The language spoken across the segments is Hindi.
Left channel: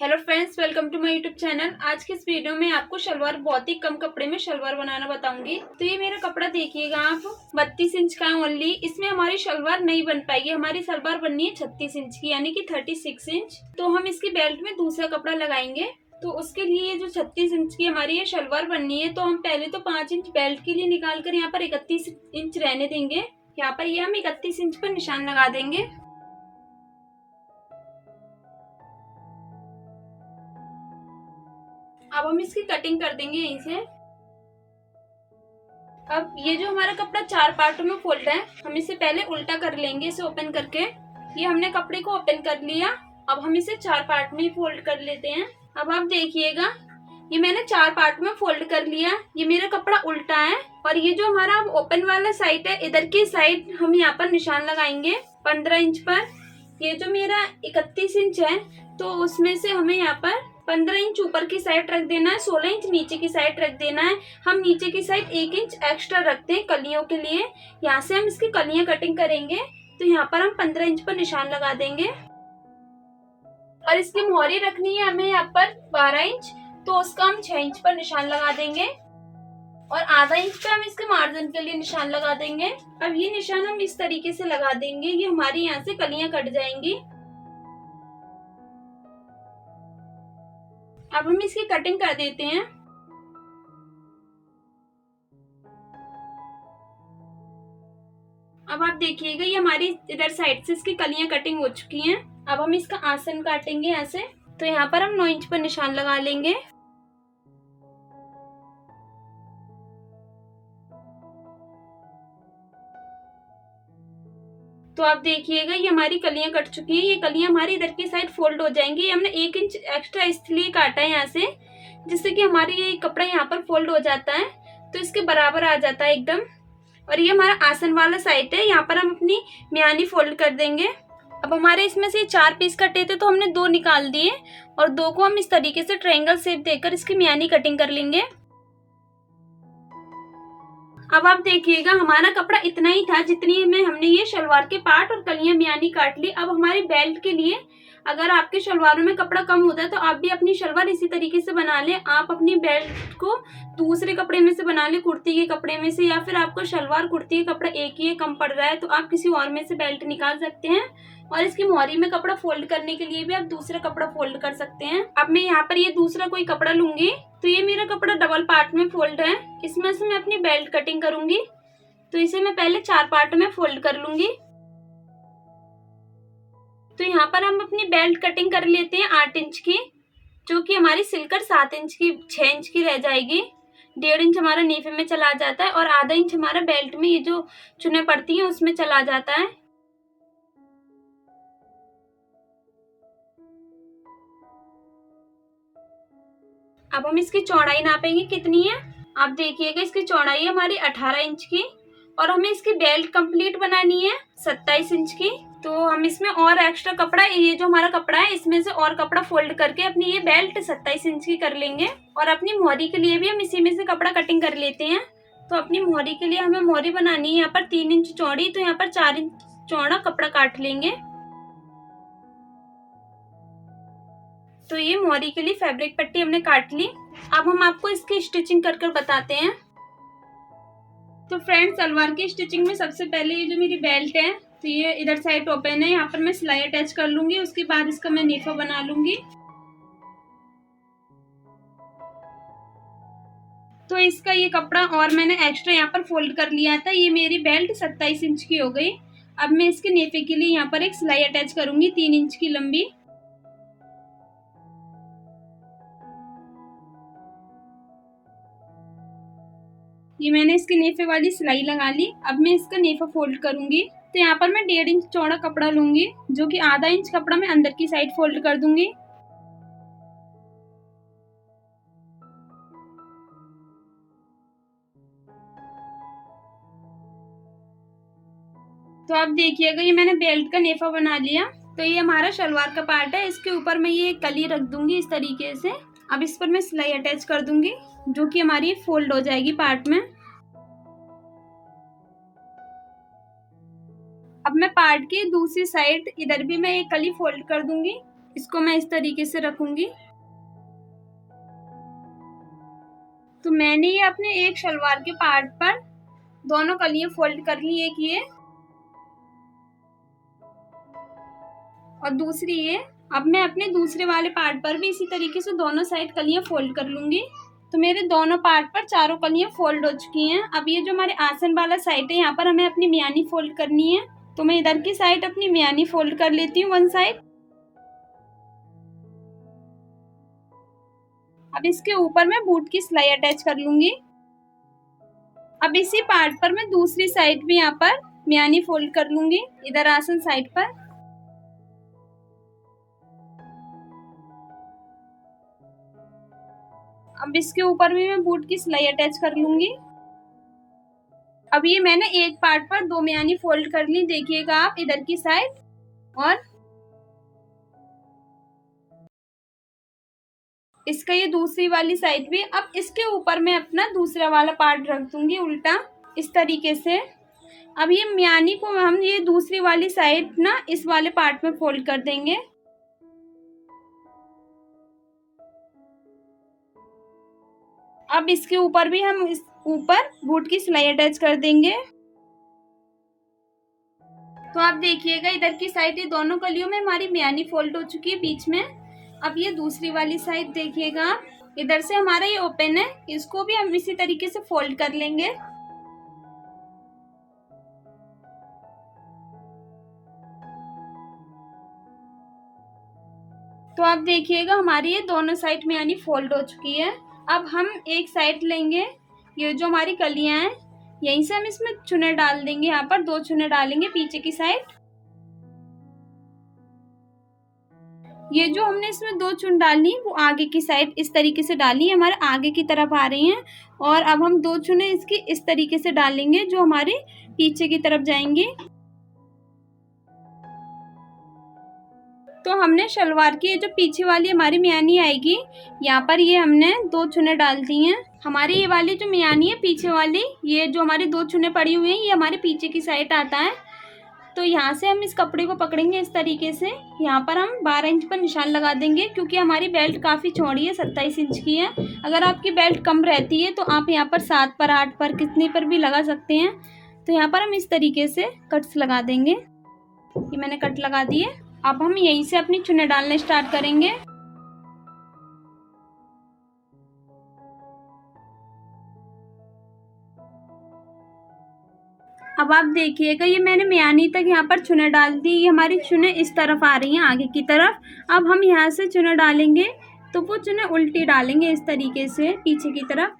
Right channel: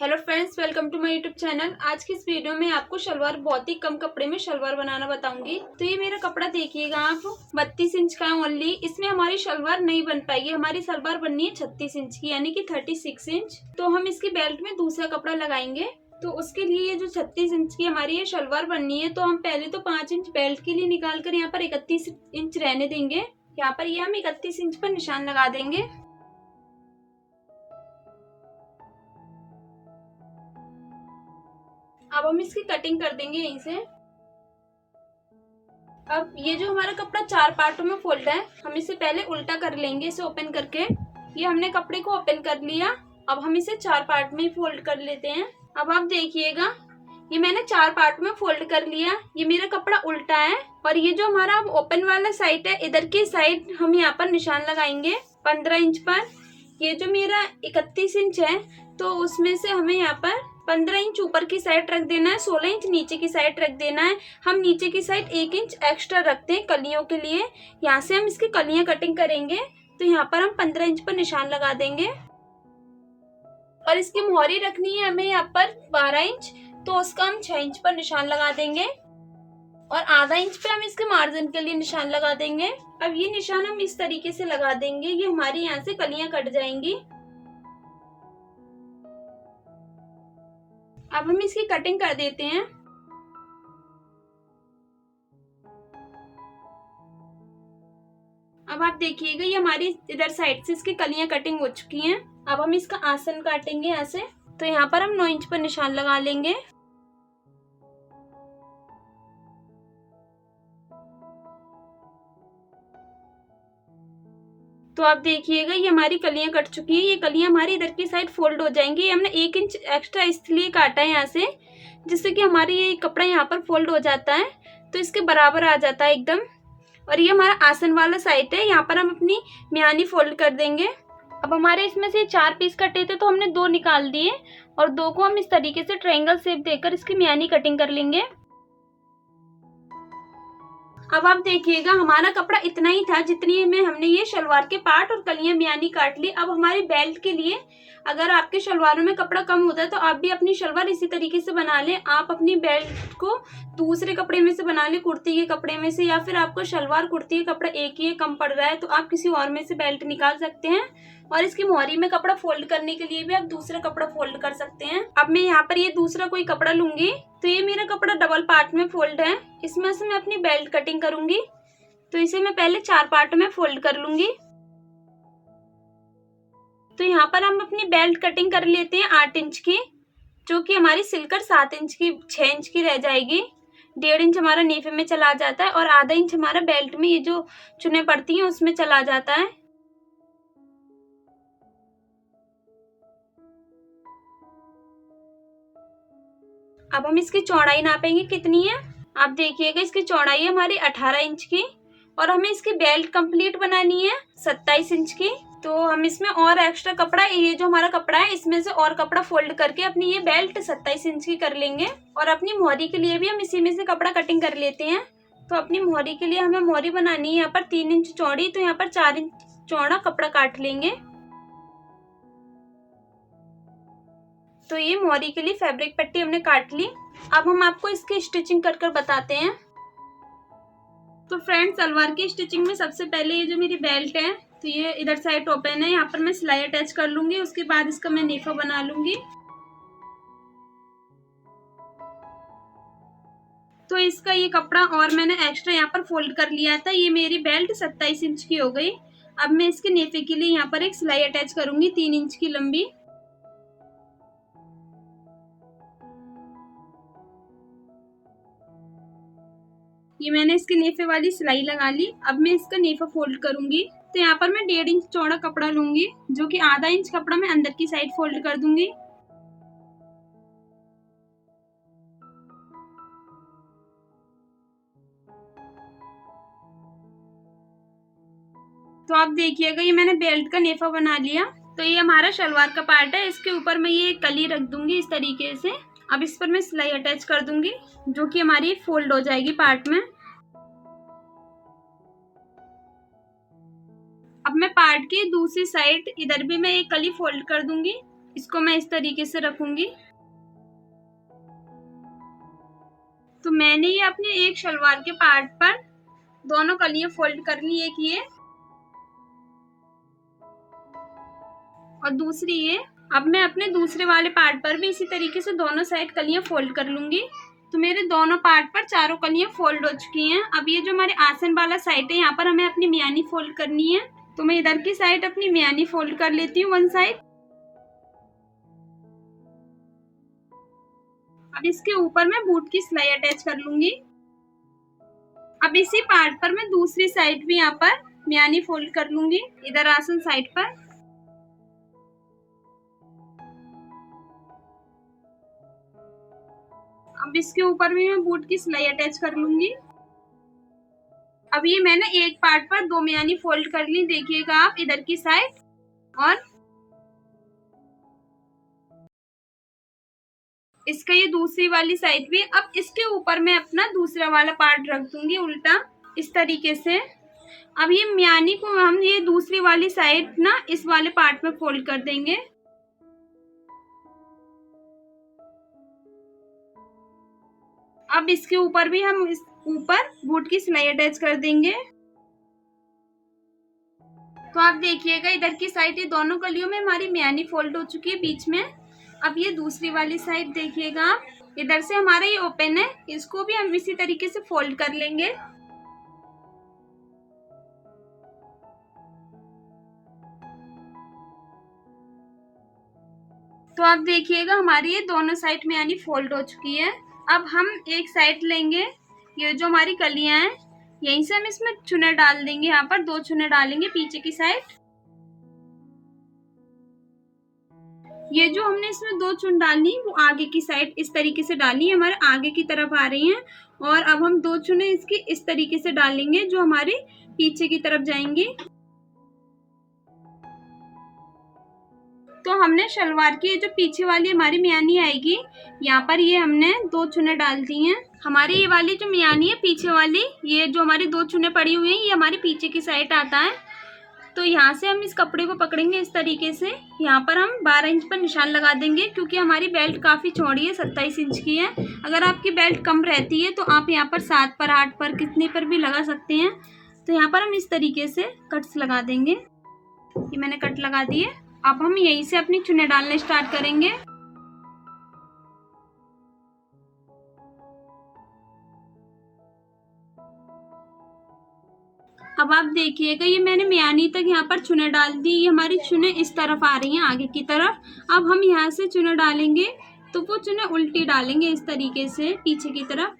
Hello friends, welcome to my YouTube channel. आज की इस वीडियो में आपको शलवार बहुत ही कम कपड़े में शलवार बनाना बताऊंगी। तो ये मेरा कपड़ा देखिएगा आप, 32 इंच का है ओनली। इसमें हमारी शलवार नहीं बन पाएगी। हमारी शलवार बननी है 36 इंच की, यानी कि 36 इंच। तो हम इसकी बेल्ट में दूसरा कपड़ा लगाएंगे। तो उसके लिए जो 36 इंच की हमारी ये शलवार बननी है, तो हम पहले तो 5 इंच बेल्ट के लिए निकाल कर यहाँ पर 31 इंच रहने देंगे। यहाँ पर ये हम 31 इंच पर निशान लगा देंगे। अब हम इसकी कटिंग कर देंगे यहीं से। अब ये जो हमारा कपड़ा 4 पार्टों में फोल्ड है, हम इसे पहले उल्टा कर लेंगे, इसे ओपन करके। ये हमने कपड़े को ओपन कर लिया। अब हम इसे 4 पार्ट में ही फोल्ड कर लेते हैं। अब आप देखिएगा, ये मैंने 4 पार्ट में फोल्ड कर लिया। ये मेरा कपड़ा उल्टा है और ये जो हमारा ओपन वाला साइड है, इधर की साइड हम यहाँ पर निशान लगाएंगे 15 इंच पर। ये जो मेरा 31 इंच है, तो उसमें से हमें यहाँ पर 15 इंच ऊपर की साइड रख देना है, 16 इंच नीचे की साइड रख देना है। हम नीचे की साइड 1 इंच एक्स्ट्रा रखते हैं कलियों के लिए। यहाँ से हम इसकी कलियां कटिंग करेंगे। तो यहाँ पर हम 15 इंच पर निशान लगा देंगे और इसकी मोहरी रखनी है हमें यहाँ पर 12 इंच, तो उसका हम 6 इंच पर निशान लगा देंगे और आधा इंच पे हम इसके मार्जिन के लिए निशान लगा देंगे। अब ये निशान हम इस तरीके से लगा देंगे, ये हमारी यहाँ से कलियां कट जाएंगी। अब हम इसकी कटिंग कर देते हैं। अब आप देखिएगा, ये हमारी इधर साइड से इसकी कलियां कटिंग हो चुकी हैं। अब हम इसका आसन काटेंगे ऐसे। तो यहाँ पर हम 9 इंच पर निशान लगा लेंगे। तो आप देखिएगा, ये हमारी कलियां कट चुकी है। ये कलियां हमारी इधर की साइड फोल्ड हो जाएंगी। ये हमने 1 इंच एक्स्ट्रा इसलिए काटा है यहाँ से, जिससे कि हमारी ये कपड़ा यहाँ पर फोल्ड हो जाता है, तो इसके बराबर आ जाता है एकदम। और ये हमारा आसन वाला साइड है, यहाँ पर हम अपनी म्यानी फोल्ड कर देंगे। अब हमारे इसमें से 4 पीस कटे थे, तो हमने 2 निकाल दिए और 2 को हम इस तरीके से ट्रायंगल शेप देकर इसकी म्यानी कटिंग कर लेंगे। अब आप देखिएगा, हमारा कपड़ा इतना ही था जितनी में हमने ये शलवार के पार्ट और कलियां म्यानी काट ली। अब हमारी बेल्ट के लिए, अगर आपके शलवारों में कपड़ा कम होता है तो आप भी अपनी शलवार इसी तरीके से बना लें। आप अपनी बेल्ट को दूसरे कपड़े में से बना लें, कुर्ती के कपड़े में से, या फिर आपको शलवार कुर्ती का कपड़ा एक ही है, कम पड़ रहा है, तो आप किसी और में से बेल्ट निकाल सकते हैं। और इसकी मोहरी में कपड़ा फोल्ड करने के लिए भी आप दूसरा कपड़ा फोल्ड कर सकते हैं। अब मैं यहाँ पर ये दूसरा कोई कपड़ा लूंगी। तो ये मेरा कपड़ा डबल पार्ट में फोल्ड है, इसमें से मैं अपनी बेल्ट कटिंग करूंगी। तो इसे मैं पहले 4 पार्ट में फोल्ड कर लूंगी। तो यहाँ पर हम अपनी बेल्ट कटिंग कर लेते हैं 8 इंच की, जो कि हमारी सिलकर 7 इंच की 6 इंच की रह जाएगी। 1.5 इंच हमारा नीफे में चला जाता है और आधा इंच हमारा बेल्ट में ये जो चुने पड़ती हैं उसमें चला जाता है। अब हम इसकी चौड़ाई नापेंगे कितनी है। आप देखिएगा, इसकी चौड़ाई है हमारी 18 इंच की और हमें इसकी बेल्ट कंप्लीट बनानी है 27 इंच की। तो हम इसमें और एक्स्ट्रा कपड़ा, ये जो हमारा कपड़ा है इसमें से और कपड़ा फोल्ड करके अपनी ये बेल्ट 27 इंच की कर लेंगे। और अपनी मोहरी के लिए भी हम इसी में से कपड़ा कटिंग कर लेते हैं। तो अपनी मोहरी के लिए हमें मोहरी बनानी है यहाँ पर 3 इंच चौड़ी, तो यहाँ पर 4 इंच चौड़ा कपड़ा काट लेंगे। तो ये मोहरी के लिए फैब्रिक पट्टी हमने काट ली। अब हम आपको इसकी स्टिचिंग कर कर बताते हैं। तो फ्रेंड्स, सलवार की स्टिचिंग में सबसे पहले ये जो मेरी बेल्ट है, तो ये इधर साइड ओपन है, यहाँ पर मैं सिलाई अटैच कर लूंगी। उसके बाद इसका मैं नेफा बना लूंगी। तो इसका ये कपड़ा और मैंने एक्स्ट्रा यहाँ पर फोल्ड कर लिया था। ये मेरी बेल्ट 27 इंच की हो गई। अब मैं इसके नेफे के लिए यहाँ पर एक सिलाई अटैच करूंगी 3 इंच की लंबी। ये मैंने इसके नेफे वाली सिलाई लगा ली। अब मैं इसका नेफा फोल्ड करूंगी। तो यहाँ पर मैं 1.5 इंच चौड़ा कपड़ा लूंगी, जो कि आधा इंच कपड़ा मैं अंदर की साइड फोल्ड कर दूंगी। तो आप देखिएगा, ये मैंने बेल्ट का नेफा बना लिया। तो ये हमारा शलवार का पार्ट है, इसके ऊपर मैं ये कली रख दूंगी इस तरीके से। अब इस पर मैं सिलाई अटैच कर दूंगी, जो कि हमारी फोल्ड हो जाएगी पार्ट में। अब मैं पार्ट की दूसरी साइड इधर भी मैं एक कली फोल्ड कर दूंगी इसको मैं इस तरीके से रखूंगी। तो मैंने ये अपने एक शलवार के पार्ट पर दोनों कलियां फोल्ड कर ली, एक ये और दूसरी ये। अब मैं अपने दूसरे वाले पार्ट पर भी इसी तरीके से दोनों साइड कलियां फोल्ड कर लूंगी। तो मेरे दोनों पार्ट पर चारों कलियां फोल्ड हो चुकी हैं। अब ये जो हमारे आसन वाला साइड है, यहाँ पर हमें अपनी मियानी फोल्ड करनी है। तो मैं इधर की साइड अपनी मियानी फोल्ड कर लेती हूँ, वन साइड। अब इसके ऊपर मैं बूट की सिलाई अटैच कर लूंगी। अब इसी पार्ट पर मैं दूसरी साइड भी यहाँ पर मियानी फोल्ड कर लूंगी, इधर आसन साइड पर। अब इसके ऊपर भी मैं बूट की सिलाई अटैच कर लूंगी। अब ये मैंने एक पार्ट पर दो मियानी फोल्ड कर ली, देखिएगा आप इधर की साइड, और इसका ये दूसरी वाली साइड भी। अब इसके ऊपर मैं अपना दूसरा वाला पार्ट रख दूंगी उल्टा, इस तरीके से। अब ये मियानी को हम ये दूसरी वाली साइड ना इस वाले पार्ट में फोल्ड कर देंगे। अब इसके ऊपर भी हम इस ऊपर बूट की सिलाई अटैच कर देंगे। तो आप देखिएगा इधर की साइड ये दोनों कलियों में हमारी मियानी फोल्ड हो चुकी है बीच में। अब ये दूसरी वाली साइड देखिएगा आप, इधर से हमारा ये ओपन है, इसको भी हम इसी तरीके से फोल्ड कर लेंगे। तो आप देखिएगा हमारी ये दोनों साइड मियानी फोल्ड हो चुकी है। अब हम एक साइड लेंगे, ये जो हमारी कलियां हैं यहीं से हम इसमें चुने डाल देंगे। यहाँ पर दो चुने डालेंगे पीछे की साइड। ये जो हमने इसमें दो चुन डाली वो आगे की साइड इस तरीके से डाली, हमारे आगे की तरफ आ रही हैं। और अब हम दो चुने इसकी इस तरीके से डालेंगे जो हमारे पीछे की तरफ जाएंगी। तो हमने शलवार की जो पीछे वाली हमारी मियानी आएगी, यहाँ पर ये हमने दो चुने डाल दी हैं। हमारी ये वाली जो मियानी है पीछे वाली, ये जो हमारी दो चुने पड़ी हुई हैं, ये हमारे पीछे की साइड आता है। तो यहाँ से हम इस कपड़े को पकड़ेंगे इस तरीके से। यहाँ पर हम 12 इंच पर निशान लगा देंगे, क्योंकि हमारी बेल्ट काफ़ी चौड़ी है, 27 इंच की है। अगर आपकी बेल्ट कम रहती है तो आप यहाँ पर 7 पर 8 पर कितने पर भी लगा सकते हैं। तो यहाँ पर हम इस तरीके से कट्स लगा देंगे। ये मैंने कट लगा दिए। अब हम यहीं से अपनी चुने डालने स्टार्ट करेंगे। अब आप देखिएगा ये मैंने मियानी तक यहाँ पर चुने डाल दी, ये हमारी चुने इस तरफ आ रही हैं आगे की तरफ। अब हम यहाँ से चुने डालेंगे तो वो चुने उल्टी डालेंगे इस तरीके से पीछे की तरफ।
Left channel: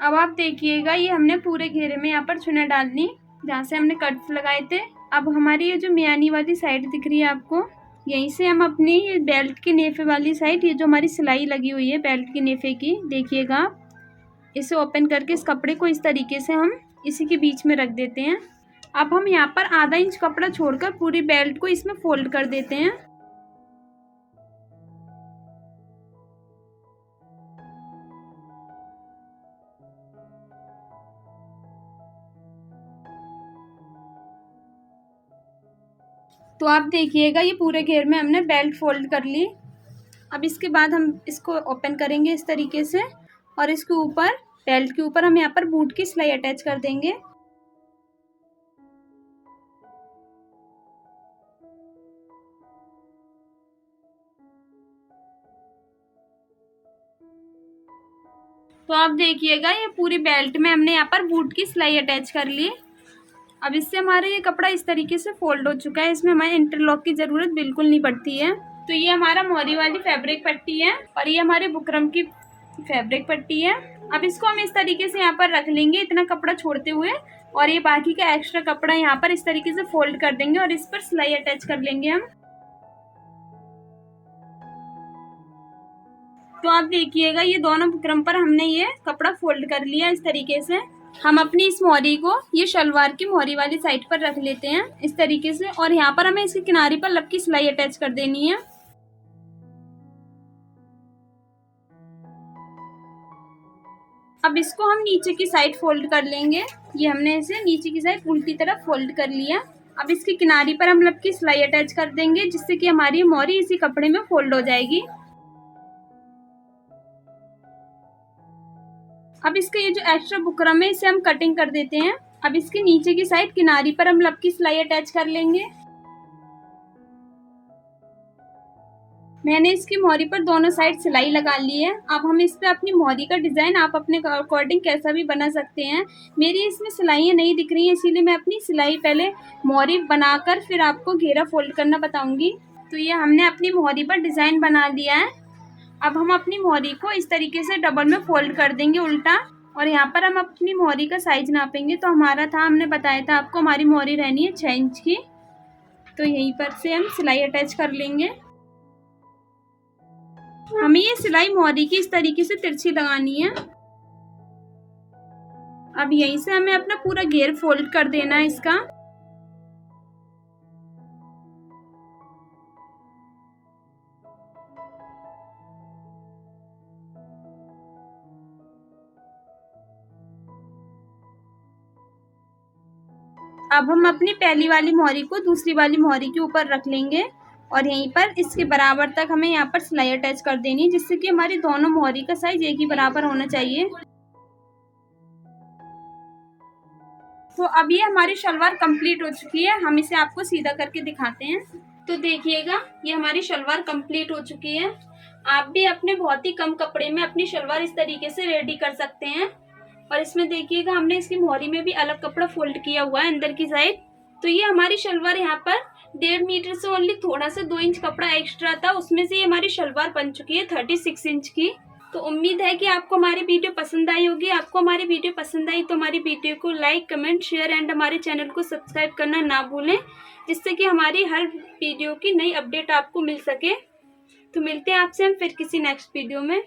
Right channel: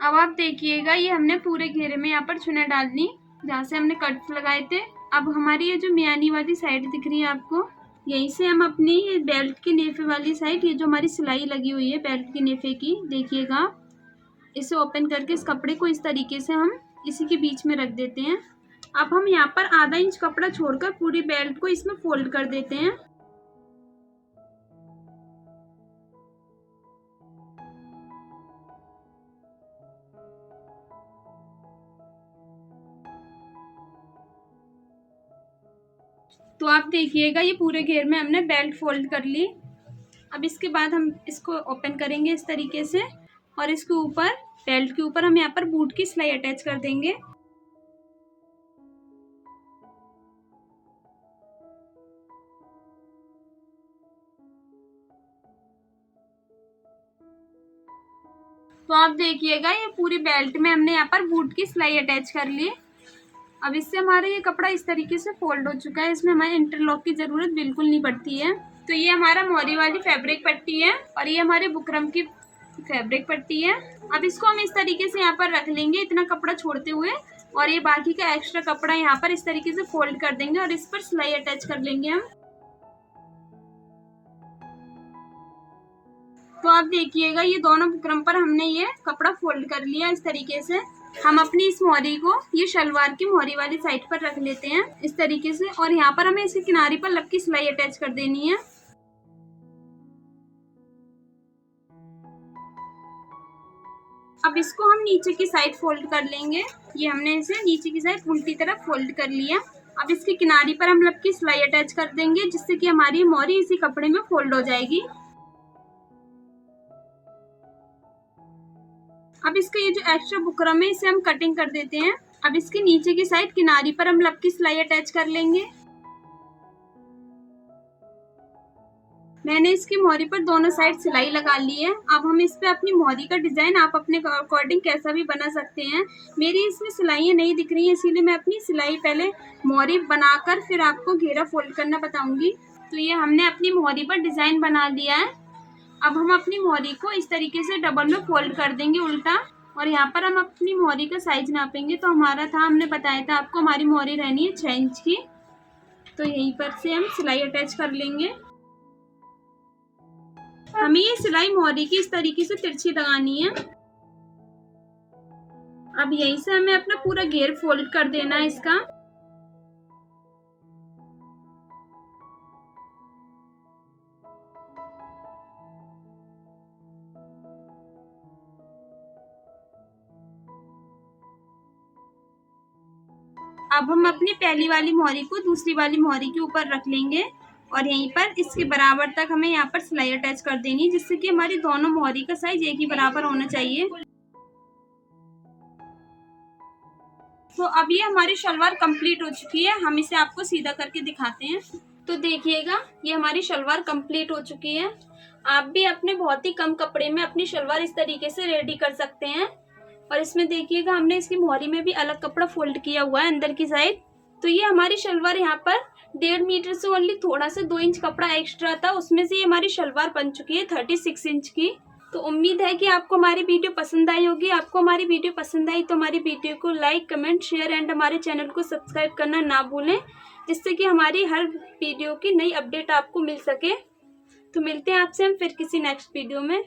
अब आप देखिएगा ये हमने पूरे घेरे में यहाँ पर चुने डाल दी जहाँ से हमने कट्स लगाए थे। अब हमारी ये जो मियानी वाली साइड दिख रही है आपको, यहीं से हम अपनी ये बेल्ट के नेफे वाली साइड, ये जो हमारी सिलाई लगी हुई है बेल्ट के नेफे की, देखिएगा इसे ओपन करके इस कपड़े को इस तरीके से हम इसी के बीच में रख देते हैं। अब हम यहाँ पर आधा इंच कपड़ा छोड़कर पूरी बेल्ट को इसमें फोल्ड कर देते हैं। तो आप देखिएगा ये पूरे घेर में हमने बेल्ट फोल्ड कर ली। अब इसके बाद हम इसको ओपन करेंगे इस तरीके से, और इसके ऊपर बेल्ट के ऊपर हम यहाँ पर बूट की सिलाई अटैच कर देंगे। तो आप देखिएगा ये पूरी बेल्ट में हमने यहाँ पर बूट की सिलाई अटैच कर ली। अब इससे हमारा ये कपड़ा इस तरीके से फोल्ड हो चुका है, इसमें हमें इंटरलॉक की ज़रूरत बिल्कुल नहीं पड़ती है। तो ये हमारा मोरी वाली फैब्रिक पट्टी है और ये हमारे बुकरम की फैब्रिक पट्टी है। अब इसको हम इस तरीके से यहाँ पर रख लेंगे इतना कपड़ा छोड़ते हुए, और ये बाकी का एक्स्ट्रा कपड़ा यहाँ पर इस तरीके से फोल्ड कर देंगे और इस पर सिलाई अटैच कर लेंगे हम। तो आप देखिएगा ये दोनों बुकरम पर हमने ये कपड़ा फोल्ड कर लिया इस तरीके से। हम अपनी इस मोहरी को ये शलवार की मोहरी वाली साइड पर रख लेते हैं इस तरीके से, और यहाँ पर हमें इसके किनारे पर लब की सिलाई अटैच कर देनी है। अब इसको हम नीचे की साइड फोल्ड कर लेंगे। ये हमने इसे नीचे की साइड उल्टी तरफ फोल्ड कर लिया। अब इसकी किनारी पर हम लब की सिलाई अटैच कर देंगे, जिससे कि हमारी मोहरी इसी कपड़े में फोल्ड हो जाएगी। अब इसका ये जो एक्स्ट्रा बुकरम है इसे हम कटिंग कर देते हैं। अब इसकी नीचे की साइड किनारी पर हम लब की सिलाई अटैच कर लेंगे। मैंने इसकी मोहरी पर दोनों साइड सिलाई लगा ली है। अब हम इस पे अपनी मोहरी का डिज़ाइन आप अपने अकॉर्डिंग कैसा भी बना सकते हैं। मेरी इसमें सिलाइयाँ नहीं दिख रही हैं, इसीलिए मैं अपनी सिलाई पहले मोहरी बनाकर फिर आपको घेरा फोल्ड करना बताऊंगी। तो ये हमने अपनी मोहरी पर डिज़ाइन बना लिया है। अब हम अपनी मोहरी को इस तरीके से डबल में फोल्ड कर देंगे उल्टा, और यहाँ पर हम अपनी मोहरी का साइज नापेंगे। तो हमारा था, हमने बताया था आपको, हमारी मोहरी रहनी है 6 इंच की। तो यहीं पर से हम सिलाई अटैच कर लेंगे। हमें ये सिलाई मोहरी की इस तरीके से तिरछी लगानी है। अब यहीं से हमें अपना पूरा घेर फोल्ड कर देना है इसका। अब हम अपनी पहली वाली मोहरी को दूसरी वाली मोहरी के ऊपर रख लेंगे और यहीं पर इसके बराबर तक हमें यहाँ पर सिलाई अटैच कर देनी है, जिससे कि हमारी दोनों मोहरी का साइज एक ही बराबर होना चाहिए। तो अब ये हमारी शलवार कंप्लीट हो चुकी है। हम इसे आपको सीधा करके दिखाते हैं। तो देखिएगा, ये हमारी शलवार कंप्लीट हो चुकी है। आप भी अपने बहुत ही कम कपड़े में अपनी शलवार इस तरीके से रेडी कर सकते हैं। और इसमें देखिएगा, हमने इसकी मोहरी में भी अलग कपड़ा फोल्ड किया हुआ है अंदर की साइड। तो ये हमारी शलवार यहाँ पर 1.5 मीटर से ओनली थोड़ा सा 2 इंच कपड़ा एक्स्ट्रा था, उसमें से ये हमारी शलवार बन चुकी है 36 इंच की। तो उम्मीद है कि आपको हमारी वीडियो पसंद आई होगी। आपको हमारी वीडियो पसंद आई तो हमारी वीडियो को लाइक, कमेंट, शेयर एंड हमारे चैनल को सब्सक्राइब करना ना भूलें, जिससे कि हमारी हर वीडियो की नई अपडेट आपको मिल सके। तो मिलते हैं आपसे हम फिर किसी नेक्स्ट वीडियो में।